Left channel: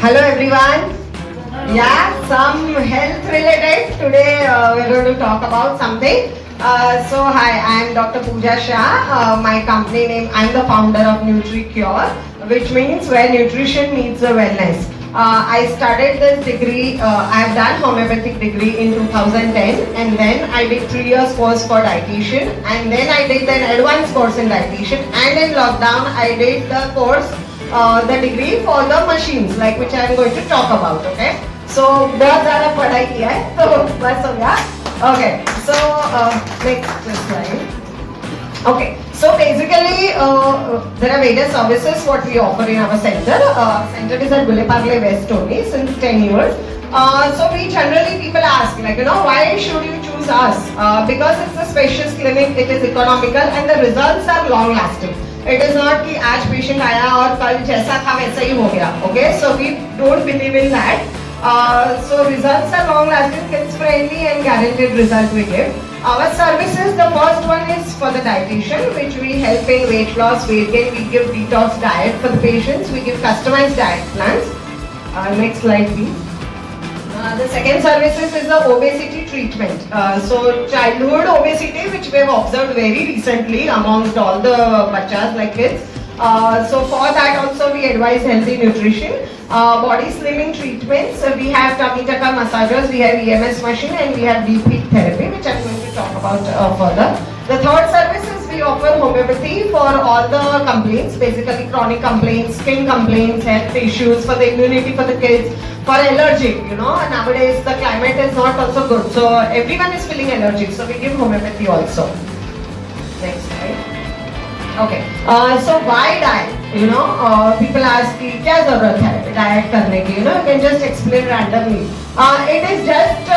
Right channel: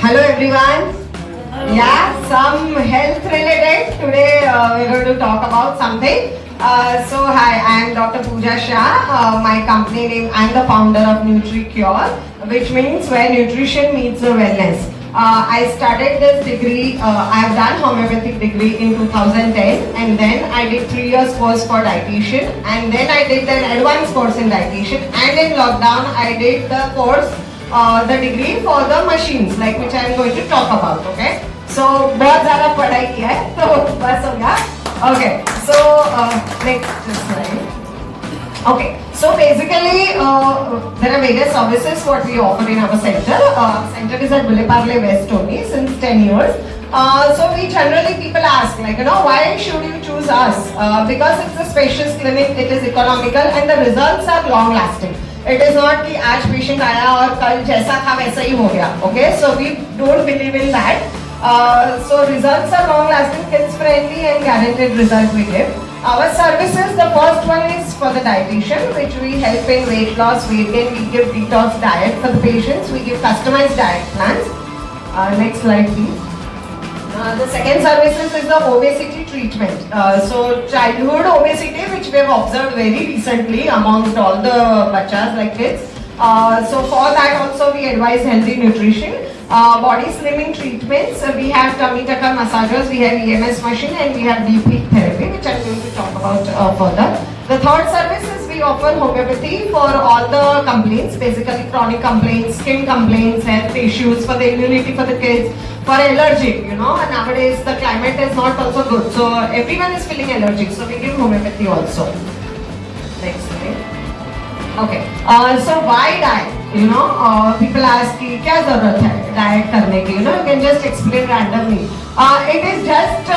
Hello everyone. Yeah, some health related. Today we're going to talk about something. Hi, I'm Dr. Pooja Shah. My company name, I'm the founder of NutriCure, which means where nutrition meets the wellness. I started this degree, I've done homeopathic degree in 2010, and then I did 3 years course for dietitian, and then I did an advanced course in dietitian, and in lockdown I did the course, the degree for the machines, like which I am going to talk about, okay? So बहुत ज़्यादा पढ़ाई किया है, तो बस हो गया. Okay, so next slide. Okay, so basically there are various services what we offer in our center. Center is at Villeparle West only since 10 years. So we generally people ask like why should you choose us? Because it's a spacious clinic, it is economical and the results are long lasting. It is not कि आज patient आया और कल जैसा था वैसा ही हो गया. Okay, so we don't believe in that. So results are long lasting, kids friendly and guaranteed result we give. Our services, the first one is for the dietitian, which we help in weight loss, weight gain. We give detox diet for the patients. We give customized diet plans. Next slide, please. The second services is the obesity treatment. So childhood obesity, which we have observed very recently amongst all the bachas like kids. So for that also we advise healthy nutrition. Body slimming treatments, we have tummy tucker massagers, we have EMS machine and we have deep heat therapy, which I am going to talk about further. The third service is we offer homeopathy for all the complaints, basically chronic complaints, skin complaints, health issues, for the immunity for the kids, for allergy, and nowadays the climate is not also good, so everyone is feeling allergic, so we give homeopathy also. Next slide. Okay, so why diet? People ask कि क्या जरूरत है diet करने की? You can just explain randomly. It is just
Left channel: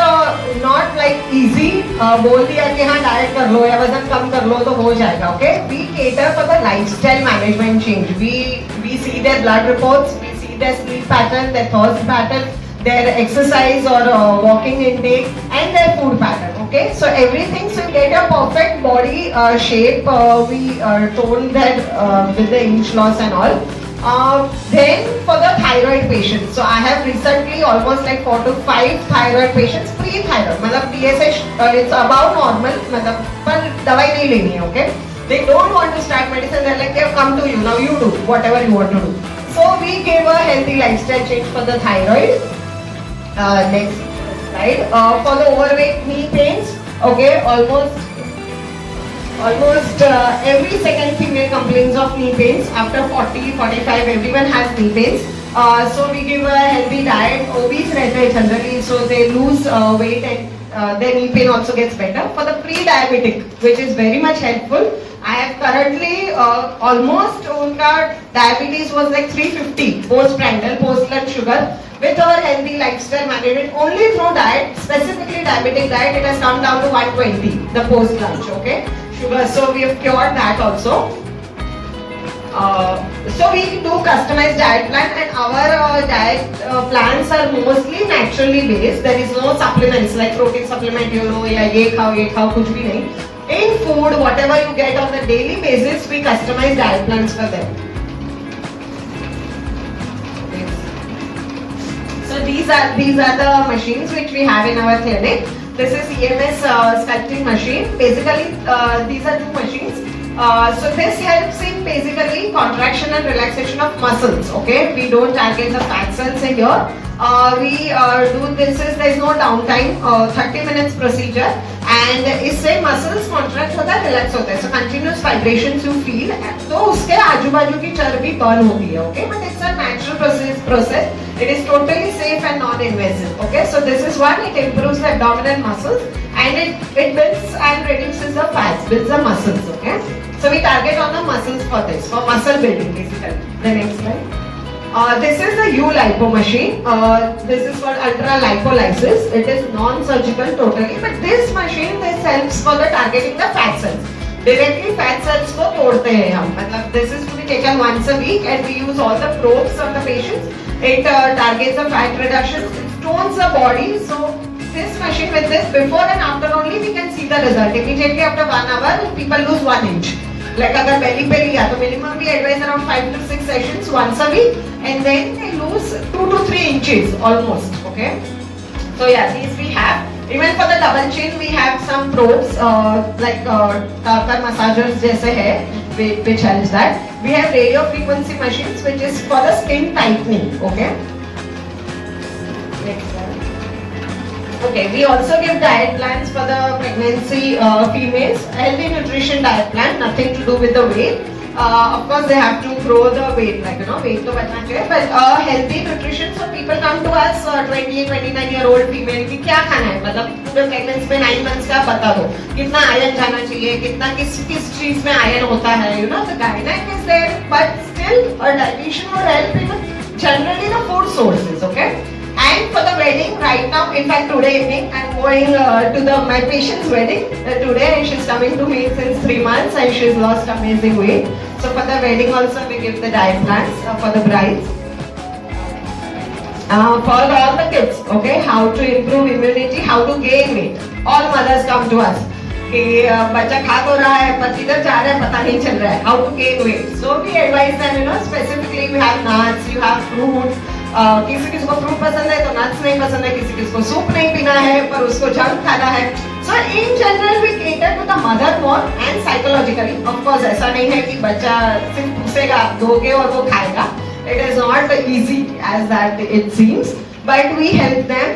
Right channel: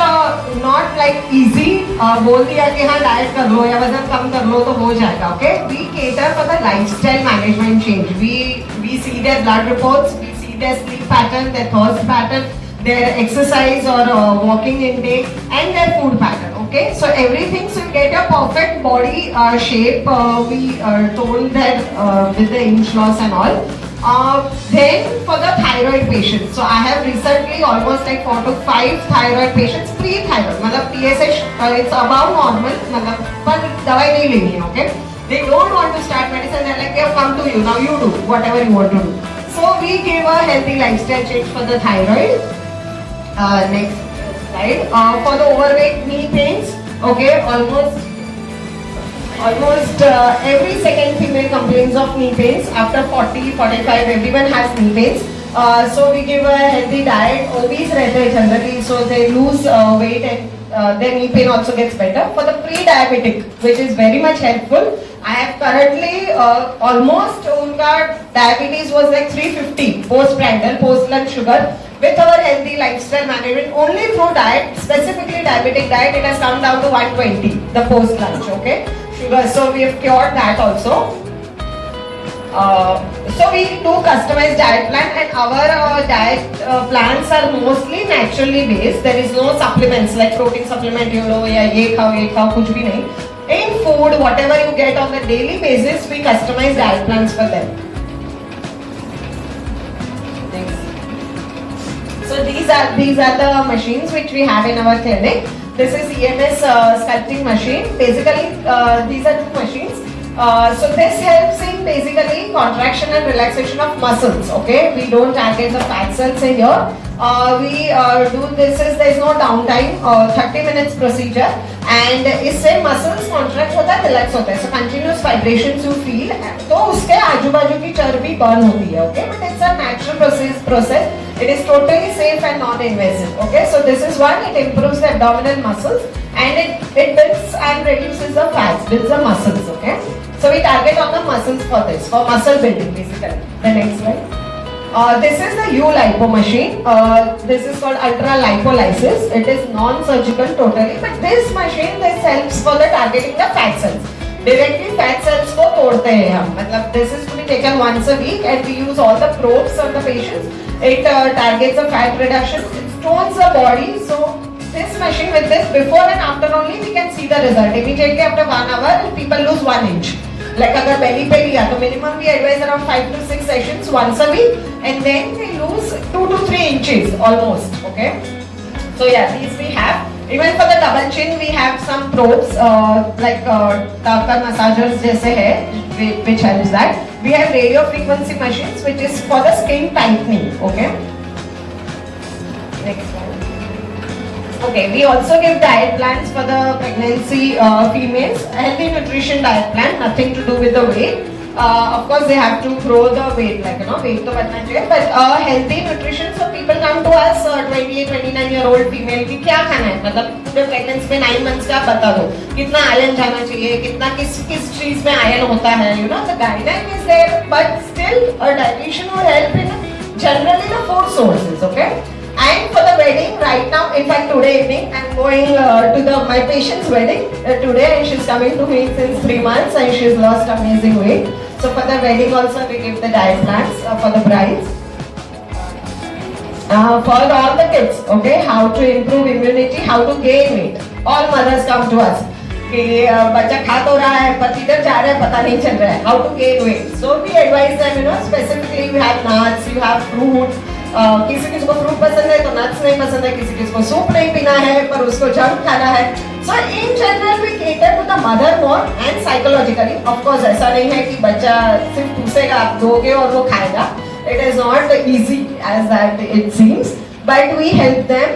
not like easy. बोल दिया कि हाँ diet कर लो या वजन कम कर लो तो हो जाएगा. Okay, we cater for the lifestyle management change. We see their blood reports, we see their sleep pattern, their thirst pattern, their exercise or walking intake, and their food pattern. Okay, so everything, so you get a perfect body shape. We told that with the inch loss and all. Then for the thyroid patients, so I have recently almost like 4 to 5 thyroid patients, pre-thyroid, मतलब TSH it's above normal, मतलब पर दवाई नहीं लेनी है, okay? They don't want to start medicine. They're like, "Yeah, come to you now. You do whatever you want to do." So we gave a healthy lifestyle change for the thyroid. Next slide. For the overweight knee pains, okay, almost every second female complains of knee pains. After 40, 45, everyone has knee pains. So we give a healthy diet. Obese रहते हैं generally, so they lose weight and their knee pain also gets better. For the pre-diabetic, which is very much helpful, I have currently almost उनका diabetes was like 350 post-prandial, post-lunch sugar. With our healthy lifestyle management, only through diet, specifically diabetic diet, it has come down to 120, the post-lunch, okay? Sugar, so we have cured that also. So we do customized diet plan and our diet plans are mostly naturally based. There is no supplements like protein supplement, या ये खाओ, कुछ भी नहीं. In food, whatever you get on the daily basis, we customize diet plans for them. So these are the machines which we have in our clinic. This is EMS sculpting machine. Basically, these are 2 machines. So this helps in basically contraction and relaxation of muscles. Okay, we don't target the fat cells in here. We do this is there is no downtime. 30 minutes procedure, and इससे muscles contract होता है, relax होता है. So continuous vibrations you feel. तो उसके आजू बाजू की चर्बी burn होती है. Okay, but it's a natural process. It is totally safe and non-invasive. Okay, so this is one. It improves the abdominal muscles and it builds and reduces the fats, builds the muscles. Okay, so we target on the muscles for this, for muscle building basically. The next one. This is the U-Lipo machine. This is called ultra lipolysis. It is non-surgical totally, but this machine helps for the targeting the fat cells. Directly fat cells को तोड़ते हैं हम. मतलब this is to be taken once a week and we use all the probes on the patients. It targets the fat reduction. It tones the body. So this machine with this before and after only we can see the result. Immediately after 1 hour, people lose 1 inch. Like अगर belly पे लिया तो minimum we advise around 5 to 6 sessions once a week, and then they lose 2 to 3 inches almost. Okay. So yeah, these we have. Even for the double chin, we have some probes like Tartar massagers जैसे है, which helps that. We have radio frequency machines, which is for the skin tightening. Okay. Next slide. Okay, we also give diet plans for the pregnancy females. Healthy nutrition diet plan, nothing to do with the weight. Of course, they have to grow the weight, like weight तो बढ़ना चाहिए. But healthy nutrition, so people come to us 28-29-year-old female कि क्या खाना है, मतलब पूरे pregnancy में 9 months का बता दो, कितना आयरन जाना चाहिए, कितना किस चीज में आयरन होता है, the guideline is there, but still a dietitian will help in generally the food sources, okay. And for the wedding, right now, in fact today evening, I'm going to my patient's wedding today, and she's coming to me since 3 months, and she's lost amazing weight. So for the wedding also, we give the diet plans for the brides. For all the kids, okay, how to improve immunity, how to gain weight. All mothers come to us. कि बच्चा खा तो रहा है पर किधर जा रहा है पता नहीं चल रहा है. How to gain weight. So we advise them, specifically we have nuts, you have fruits. किसी को फ्रूट पसंद है तो नट्स नहीं पसंद है, किसी को सूप नहीं पीना है पर उसको जंक खाना है. So in general we cater to the mother more and psychologically. Of course ऐसा नहीं है कि बच्चा सिर्फ पूछेगा आप दोगे और वो खाएगा. It is not easy as that it seems, but we help them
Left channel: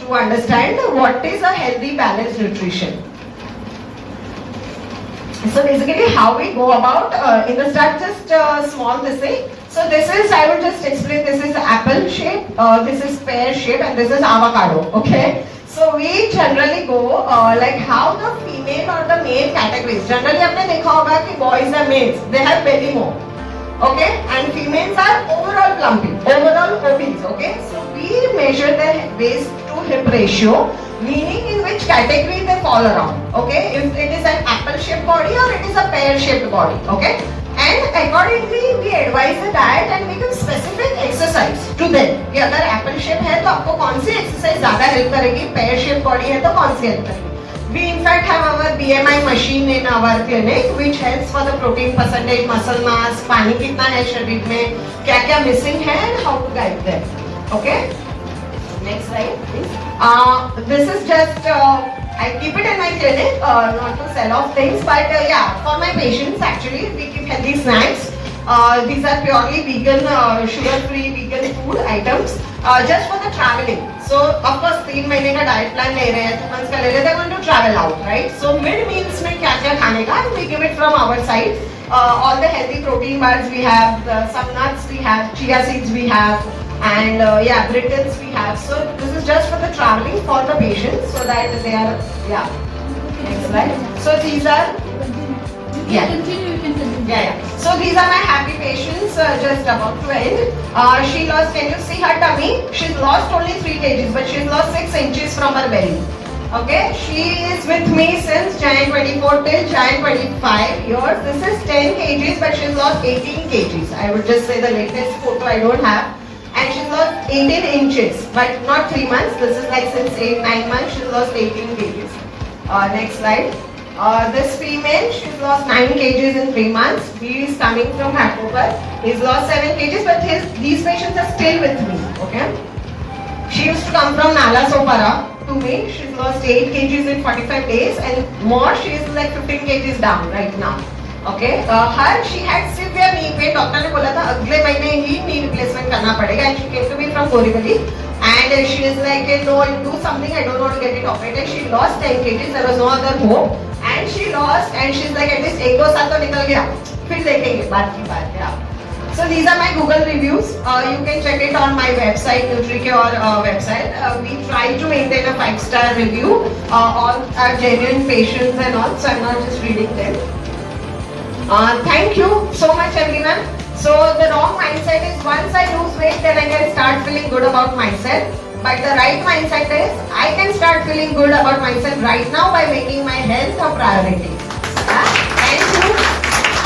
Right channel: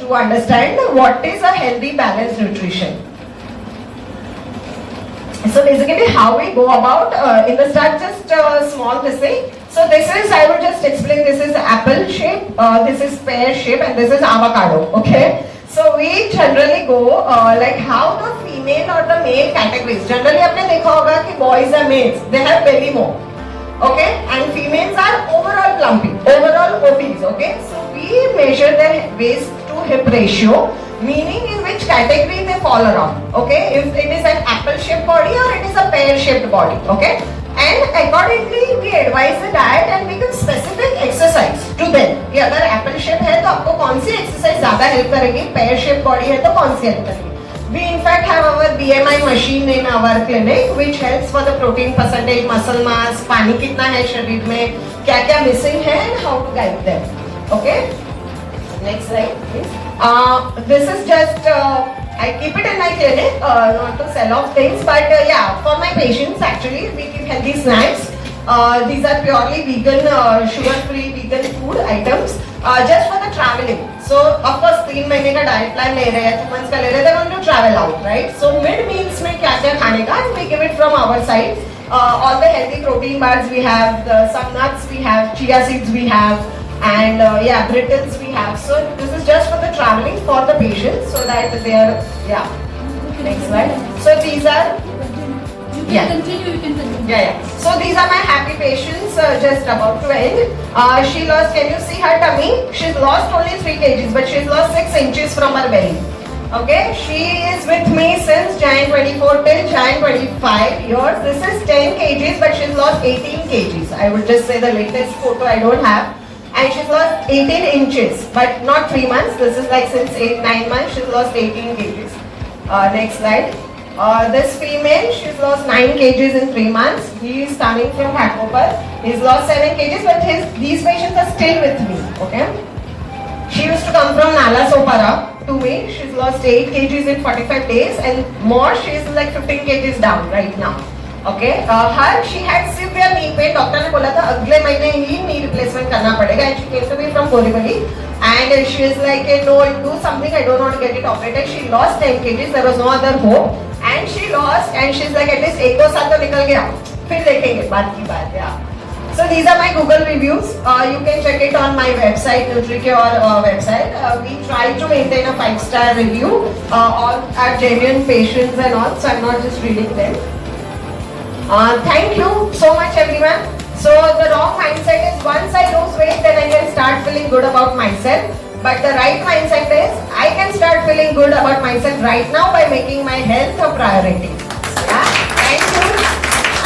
to understand what is a healthy balanced nutrition. So basically how we go about in the start, just small this thing. So this is, I would just explain, this is apple shape, this is pear shape, and this is avocado. Okay. So we generally go like how the female or the male categories. Generally आपने देखा होगा कि boys and males they have belly more. Okay. And females are overall plumpy, overall obese. Okay. So we measure their waist to hip ratio, meaning in which category they fall around. Okay, if it is an apple shaped body or it is a pear shaped body. Okay, and accordingly we advise the diet and we give specific exercise to them कि अगर apple shape है तो आपको कौन सी exercise ज़्यादा help करेगी, pear shaped body है तो कौन सी help करेगी. We in fact have our BMI machine in our clinic which helps for the protein percentage, muscle mass, पानी कितना है शरीर में, क्या क्या missing है and how to guide them. Okay. Next slide, please. This is just I keep it in my clinic, not to sell off things, but yeah, for my patients actually we give healthy snacks. These are purely vegan, sugar-free vegan food items, just for the traveling. So of course 3 महीने का diet plan ले रहे हैं, 2 months का ले रहे हैं, they're going to travel out, right? So mid meals में क्या क्या खाने का, and we give it from our side. All the healthy protein bars we have, some nuts we have, chia seeds we have. And yeah, brittles we have. So this is just for the traveling for the patients, so that they are Next slide. So these are You can continue. yeah. So these are my happy patients. Just about to end. She lost. Can you see her tummy? She's lost only 3 kgs, but she's lost 6 inches from her belly. Okay. She is with me since Jan 24 till Jan 25 years. This is 10 kgs, but she's lost 18 kgs. I would just say the latest photo I don't have. And she's lost 18 inches, but not 3 months. This is like since 8-9 months, she's lost 18 kgs. Next slide. This female, she's lost 9 kgs in 3 months. He is coming from Ghatkopar. He's lost 7 kgs, but these patients are still with me. Okay. She used to come from Nalasopara to me. She's lost 8 kgs in 45 days, and more. She's like 15 kgs down right now. Okay, her she had severe knee pain. Doctor ने बोला था अगले महीने ही knee replacement करना पड़ेगा. And she came to me from Borivali, and she is like, no, do something. I don't want to get it operated. She lost 10 kgs. There was no other hope, and she lost. And she's like, at least 1-2 साल तो निकल गया. फिर देखेंगे बात की बात. Yeah. So these are my Google reviews. You can check it on my website, NutriCure website. We try to maintain a 5-star review. All are genuine patients and all, so I'm not just reading them. Thank you so much everyone. So the wrong mindset is once I lose weight then I can start feeling good about myself. But the right mindset is I can start feeling good about myself right now by making my health a priority. Yeah? Thank you.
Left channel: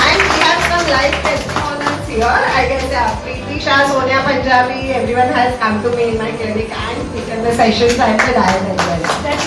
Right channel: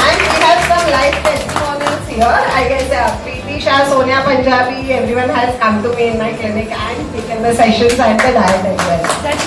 And we have some live testimonials here. I can say Preeti Shah, Sonia Punjabi, everyone has come to me in my clinic and taken the sessions and the diet as well. That's